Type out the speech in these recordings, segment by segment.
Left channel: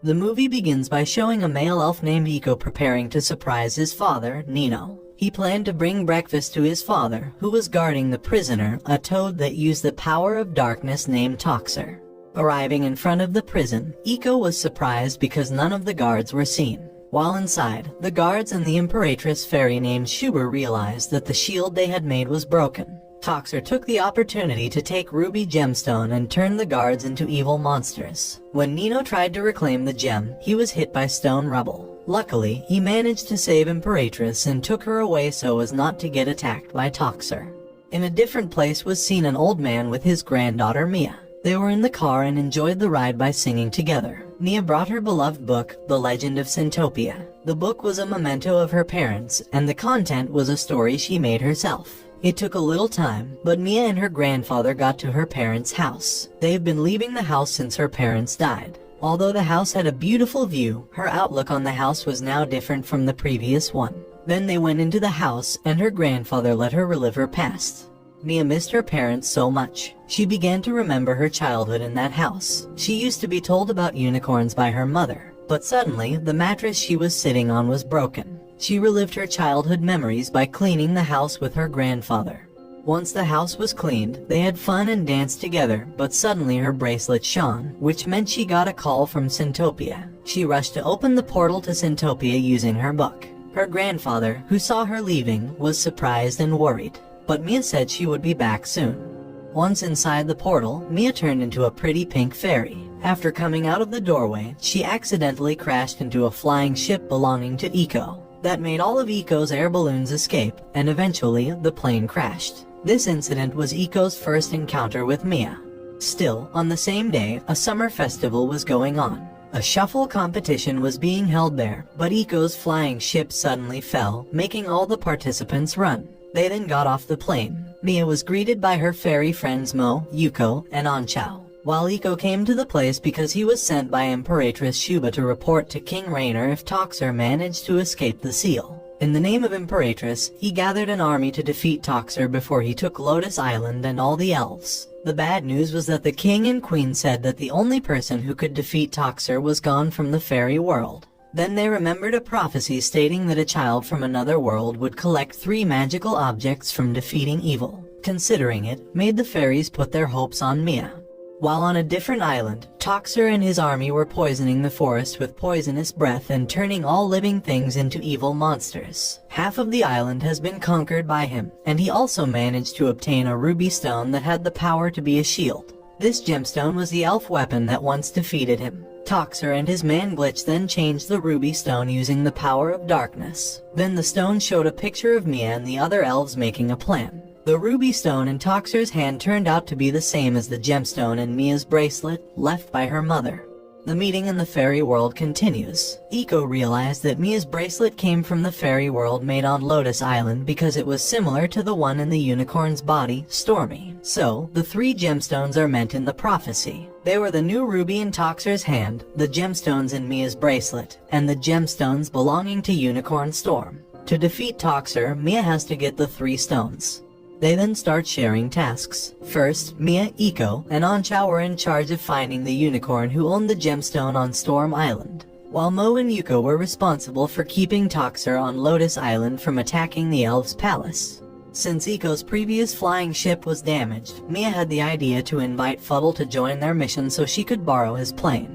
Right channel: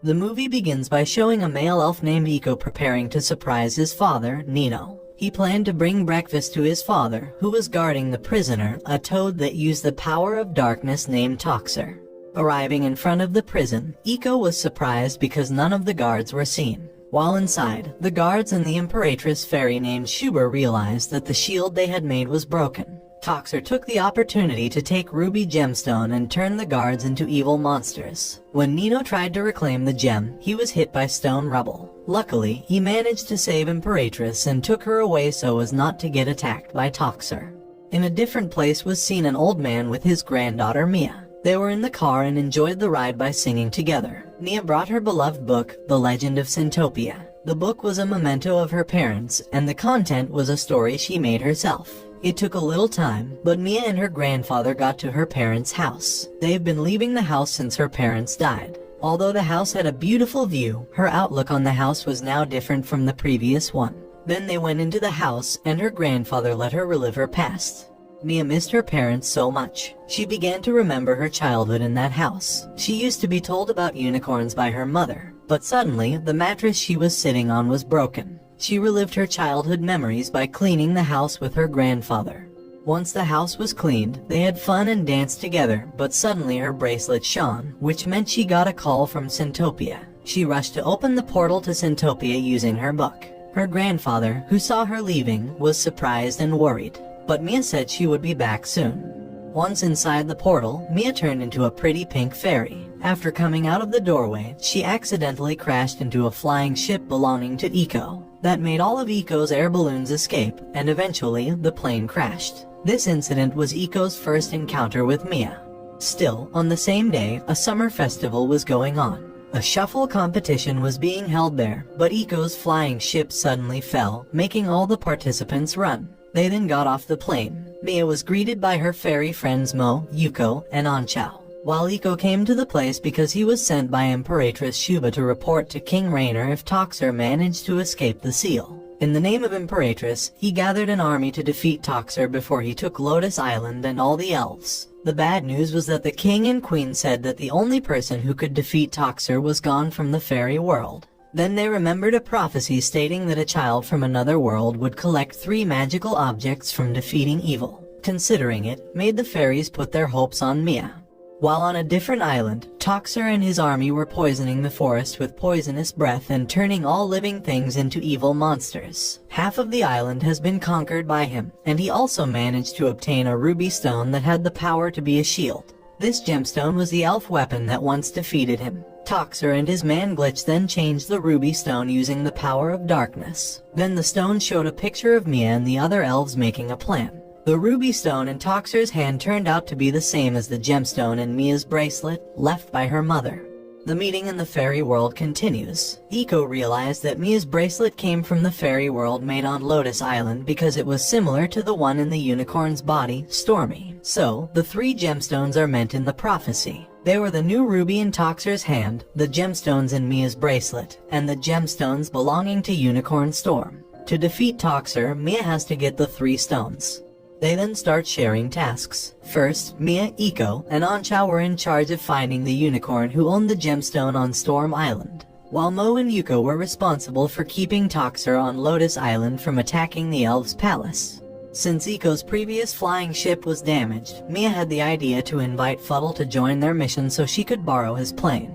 The movie begins by showing a male elf named Iko preparing to surprise his father, Nino. He planned to bring breakfast to his father, who was guarding the prisoner, a toad that used the power of darkness named Toxer. Arriving in front of the prison, Iko was surprised because none of the guards were seen. While inside, the guards and the Imperatress fairy named Shuber realized that the shield they had made was broken. Toxer took the opportunity to take Ruby Gemstone and turn the guards into evil monsters. When Nino tried to reclaim the gem, he was hit by stone rubble. Luckily, he managed to save Imperatress and took her away so as not to get attacked by Toxer. In a different place was seen an old man with his granddaughter Mia. They were in the car and enjoyed the ride by singing together. Mia brought her beloved book, The Legend of Centopia. The book was a memento of her parents, and the content was a story she made herself. It took a little time, but Mia and her grandfather got to her parents' house. They've been leaving the house since her parents died. Although the house had a beautiful view, her outlook on the house was now different from the previous one. Then they went into the house, and her grandfather let her relive her past. Mia missed her parents so much. She began to remember her childhood in that house. She used to be told about unicorns by her mother, but suddenly, the mattress she was sitting on was broken. She relived her childhood memories by cleaning the house with her grandfather. Once the house was cleaned, they had fun and danced together, but suddenly her bracelet shone, which meant she got a call from Centopia. She rushed to open the portal to Centopia using her book. Her grandfather, who saw her leaving, was surprised and worried, but Mia said she would be back soon. Once inside the portal, Mia turned into a pretty pink fairy. After coming out of the doorway, she accidentally crashed into a flying ship belonging to Iko. That made all of Iko's air balloons escape, and eventually, the plane crashed. This incident was Iko's first encounter with Mia. Still, on the same day, a summer festival was going on. A shuffle competition was being held there, but Iko's flying ship suddenly fell, making all the participants run. They then got off the plane. Mia was greeted by her fairy friends Mo, Yuko, and Anchao. While Iko came to the place because he was sent by Imperatress Shuba to report to King Rainer if Toxer managed to escape the seal. In the name of Imperatress, he gathered an army to defeat Toxer before he took Lotus Island and all the elves. The bad news was that the king and queen said that the only person who could defeat Toxer was gone from the fairy world. Then they remembered a prophecy stating that a child from another world would collect 3 magical objects from defeating evil. Considering it, made the fairies put their hopes on Mia. While on a different island, Toxer and his army were poisoning the forest with poisonous breath and turning all living things into evil monsters. Half of the island has been conquered by him, and he also managed to obtain a ruby stone that had the power to be a shield. This gemstone was the elf weapon that once defeated him. Toxer and his man Glitch then changed the ruby stone using the power of darkness. Then the stone showed a picture of Mia and the other elves making a plan. The ruby stone in Toxer's hand turned out to be the same as the gemstone in Mia's bracelet, left by her mother. The meeting in the fairy world continues. Iko realized that Mia's bracelet came from the fairy world made on Lotus Island because it was similar to the one in the unicorn's body, Stormy. So, the 3 gemstones are meant in the prophecy. They were the new ruby in Toxer's hand, the gemstones in Mia's bracelet, and the gemstones belonging to Unicorn Storm. To defeat Toxer, Mia has to get the 3 stones. They then start sharing tasks. First, Mia, Iko, and Anchao were in charge of finding the unicorn who owned the gemstone on Storm Island, while Mo and Yuko were responsible for keeping Toxer on Lotus Island from attacking the elves' palace. Since Iko's previous flying ship was damaged, Mia had the idea to invite Fuddle to join their mission so she could borrow his plane.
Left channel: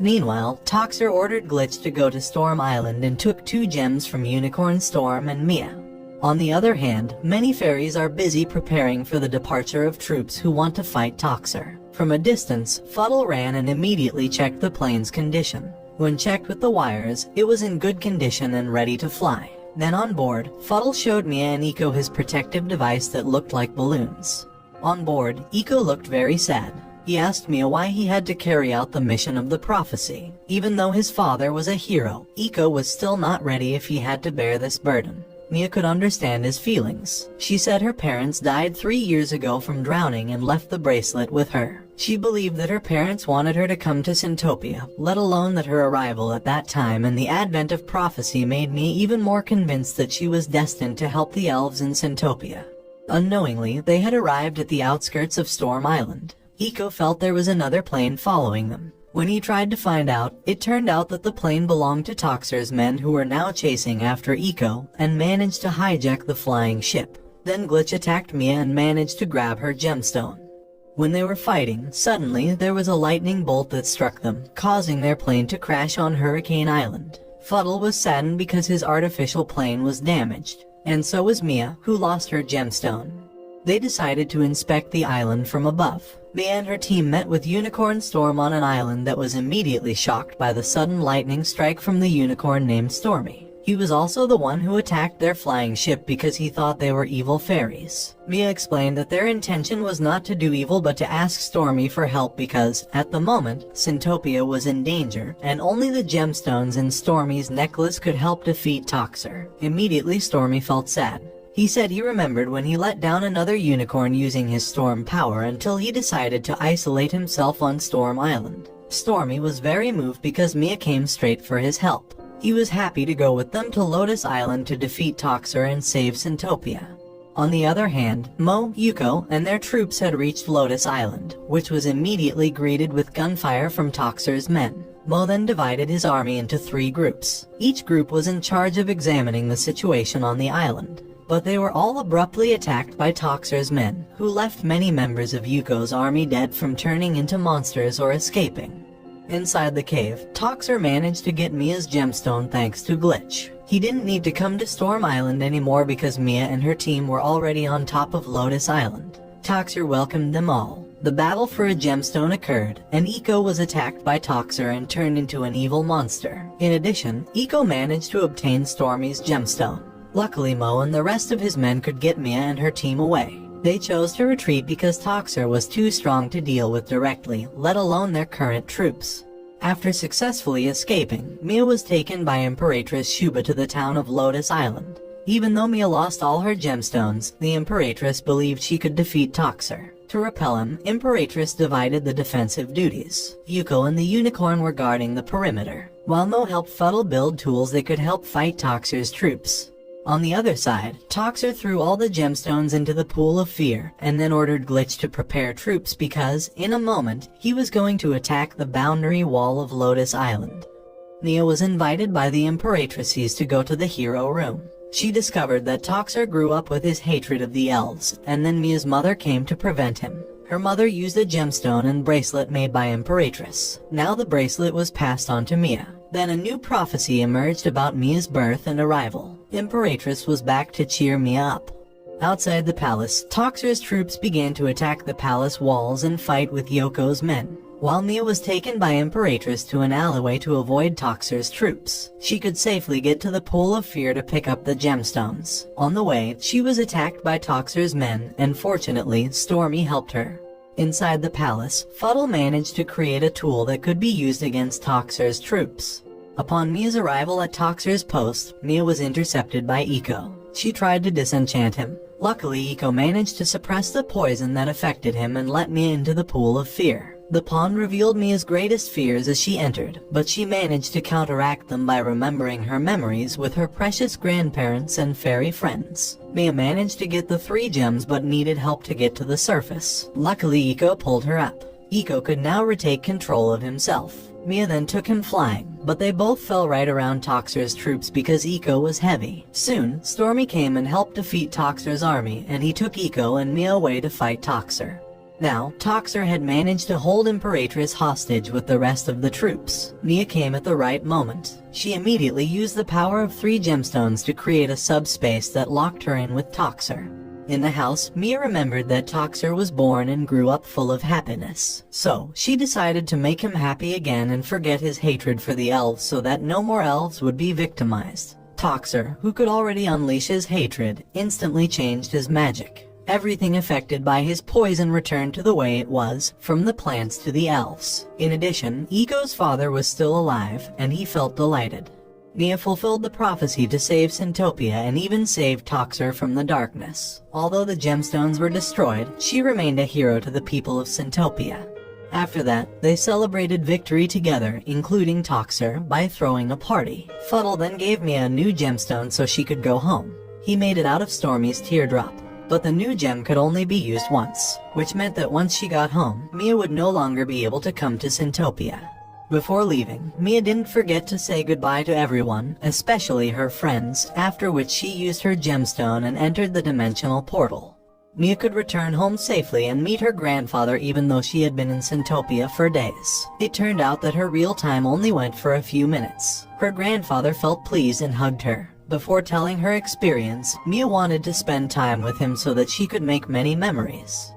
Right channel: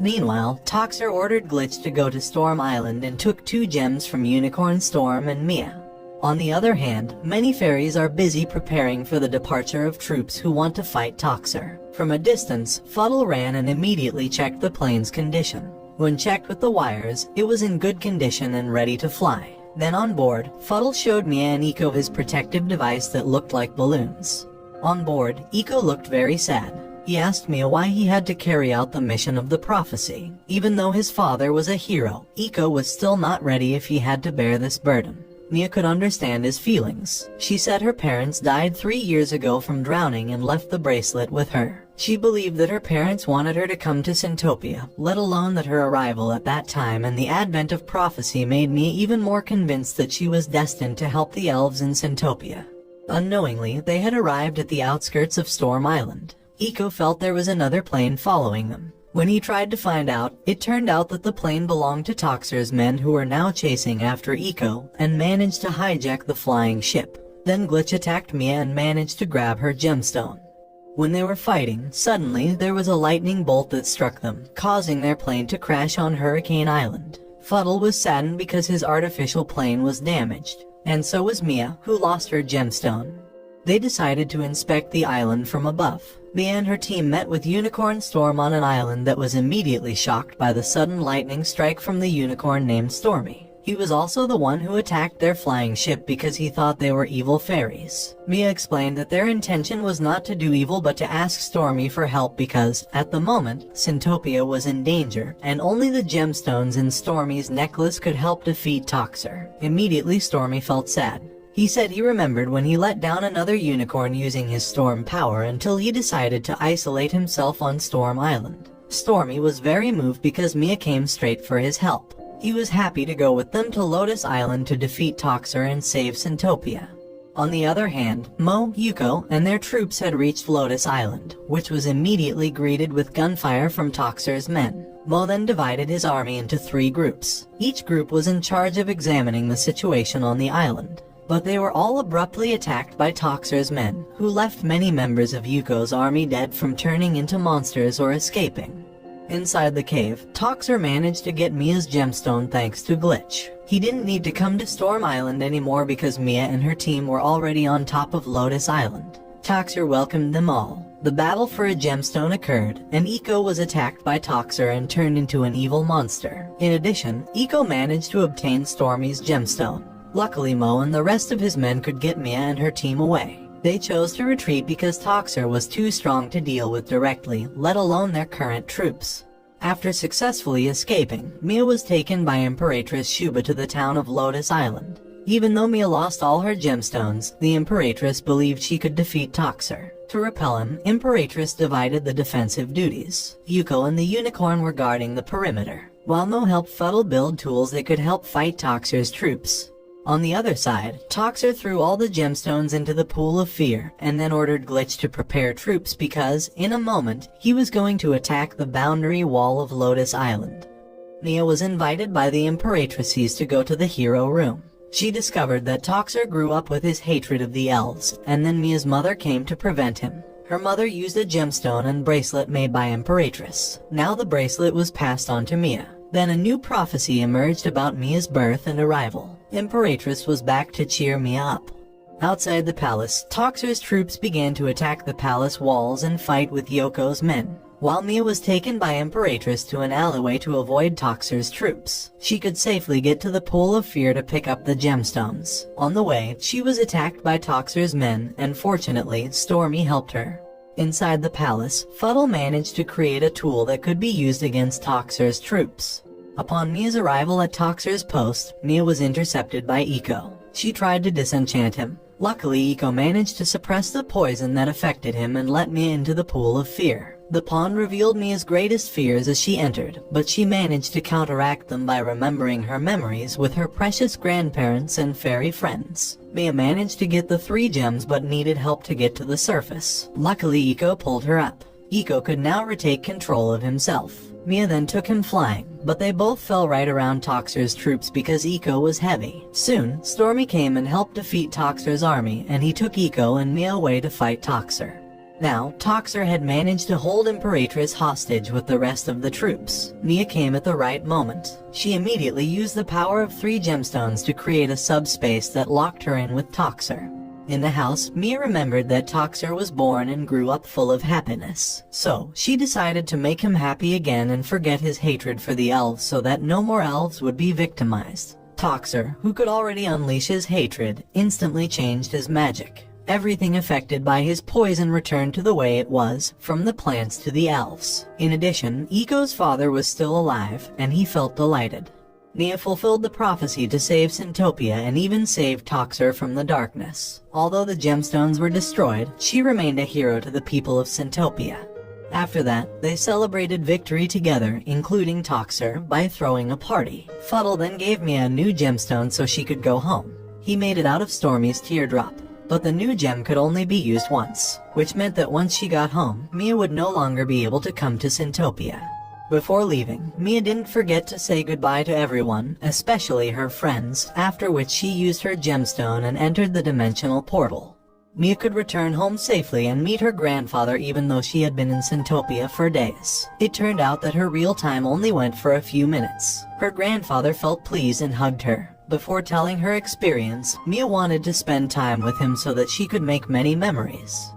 Meanwhile, Toxer ordered Glitch to go to Storm Island and took 2 gems from Unicorn Storm and Mia. On the other hand, many fairies are busy preparing for the departure of troops who want to fight Toxer. From a distance, Fuddle ran and immediately checked the plane's condition. When checked with the wires, it was in good condition and ready to fly. Then on board, Fuddle showed Mia and Iko his protective device that looked like balloons. On board, Iko looked very sad. He asked Mia why he had to carry out the mission of the prophecy. Even though his father was a hero, Iko was still not ready if he had to bear this burden. Mia could understand his feelings. She said her parents died 3 years ago from drowning and left the bracelet with her. She believed that her parents wanted her to come to Centopia, let alone that her arrival at that time and the advent of prophecy made Mia even more convinced that she was destined to help the elves in Centopia. Unknowingly, they had arrived at the outskirts of Storm Island. Iko felt there was another plane following them. When he tried to find out, it turned out that the plane belonged to Toxer's men, who were now chasing after Eco and managed to hijack the flying ship. Then Glitch attacked Mia and managed to grab her gemstone. When they were fighting, suddenly there was a lightning bolt that struck them, causing their plane to crash on Hurricane Island. Fuddle was saddened because his artificial plane was damaged, and so was Mia, who lost her gemstone. They decided to inspect the island from above. Mia and her team met with Unicorn Storm on an island that was immediately shocked by the sudden lightning strike from the unicorn named Stormy. He was also the one who attacked their flying ship because he thought they were evil fairies. Mia explained that their intention was not to do evil but to ask Stormy for help because, at the moment, Centopia was in danger, and only the gemstones in Stormy's necklace could help defeat Toxer. Immediately, Stormy felt sad. He said he remembered when he let down another unicorn using his storm power until he decided to isolate himself on Storm Island. Stormy was very moved because Mia came straight for his help. He was happy to go with them to Lotus Island to defeat Toxer and save Centopia. On the other hand, Mo, Yuko, and their troops had reached Lotus Island, which was immediately greeted with gunfire from Toxer's men. Mo then divided his army into 3 groups. Each group was in charge of examining the situation on the island. But they were all abruptly attacked by Toxer's men, who left many members of Yuko's army dead from turning into monsters or escaping. Inside the cave, Toxer managed to get Mia's gemstone thanks to Glitch. He didn't need to come to Storm Island anymore because Mia and her team were already on top of Lotus Island. Toxer welcomed them all. The battle for a gemstone occurred, and Eco was attacked by Toxer and turned into an evil monster. In addition, Eco managed to obtain Stormy's gemstone. Luckily, Mo and the rest of his men could get Mia and her team away. They chose to retreat because Toxer was too strong to deal with directly, let alone their current troops. After successfully escaping, Mia was taken by Imperatrice Shuba to the town of Lotus Island. Even though Mia lost all her gemstones, the Imperatrice believed she could defeat Toxer. To repel him, Imperatrice divided the defensive duties. Yuko and the unicorn were guarding the perimeter, while Mo helped Fuddle build tools that could help fight Toxer's troops. On the other side, Toxer threw all the gemstones into the pool of fear and then ordered Glitch to prepare troops because, in a moment, he was going to attack the boundary wall of Lotus Island. Nia was invited by the Imperatrices to go to the hero room. She discovered that Toxer grew up with his hatred of the elves, and then Mia's mother came to prevent him. Her mother used a gemstone and bracelet made by Imperatrice. Now the bracelet was passed on to Mia. Then a new prophecy emerged about Mia's birth and arrival. Imperatrice was back to cheer Mia up. Outside the palace, Toxer's troops began to attack the palace walls and fight with Yoko's men. While Mia was taken by Imperatrice to an alleyway to avoid Toxer's troops, she could safely get to the pool of fear to pick up the gemstones. On the way, she was attacked by Toxer's men, and fortunately, Stormy helped her. Inside the palace, Fuddle managed to create a tool that could be used against Toxer's troops. Upon Mia's arrival at Toxer's post, Mia was intercepted by Eco. She tried to disenchant him. Luckily, Eco managed to suppress the poison that affected him and let Mia into the pool of fear. The pawn revealed Mia's greatest fears as she entered, but she managed to counteract them by remembering her memories with her precious grandparents and fairy friends. Mia managed to get the 3 gems but needed help to get to the surface. Luckily, Eco pulled her up. Eco could now retake control of himself. Mia then took him flying, but they both fell right around Toxer's troops because Eco was heavy. Soon, Stormy came and helped defeat Toxer's army, and he took Eco and Mia away to fight Toxer. Now, Toxer had managed to hold Imperatrice hostage with the rest of the troops. Mia came at the right moment. She immediately used the power of 3 gemstones to create a subspace that locked her in with Toxer. In the house, Mia remembered that Toxer was born and grew up full of happiness. So, she decided to make him happy again and forget his hatred for the elves so that no more elves would be victimized. Toxer, who could already unleash his hatred, instantly changed his magic. Everything affected by his poison returned to the way it was, from the plants to the elves. In addition, Eco's father was still alive, and he felt delighted. Mia fulfilled the prophecy to save Centopia and even saved Toxer from the darkness. Although the gemstones were destroyed, she remained a hero to the people of Centopia. After that, they celebrated victory together, including Toxer, by throwing a party. Fuddle then gave Mia a new gemstone so she could go home. He made it out of Stormy's teardrop. But the new gem could only be used once, which meant that once she got home, Mia would no longer be able to come to Centopia. Before leaving, Mia didn't forget to say goodbye to everyone, especially her friends, after which she used her gemstone and entered the dimensional portal. Mia could return home safely and meet her grandfather even though she had been in Centopia for days. It turned out that her real time only went for a few minutes. Her grandfather felt pleased and hugged her. Before telling her experience, Mia wanted to spend time with him so that she could make many memories.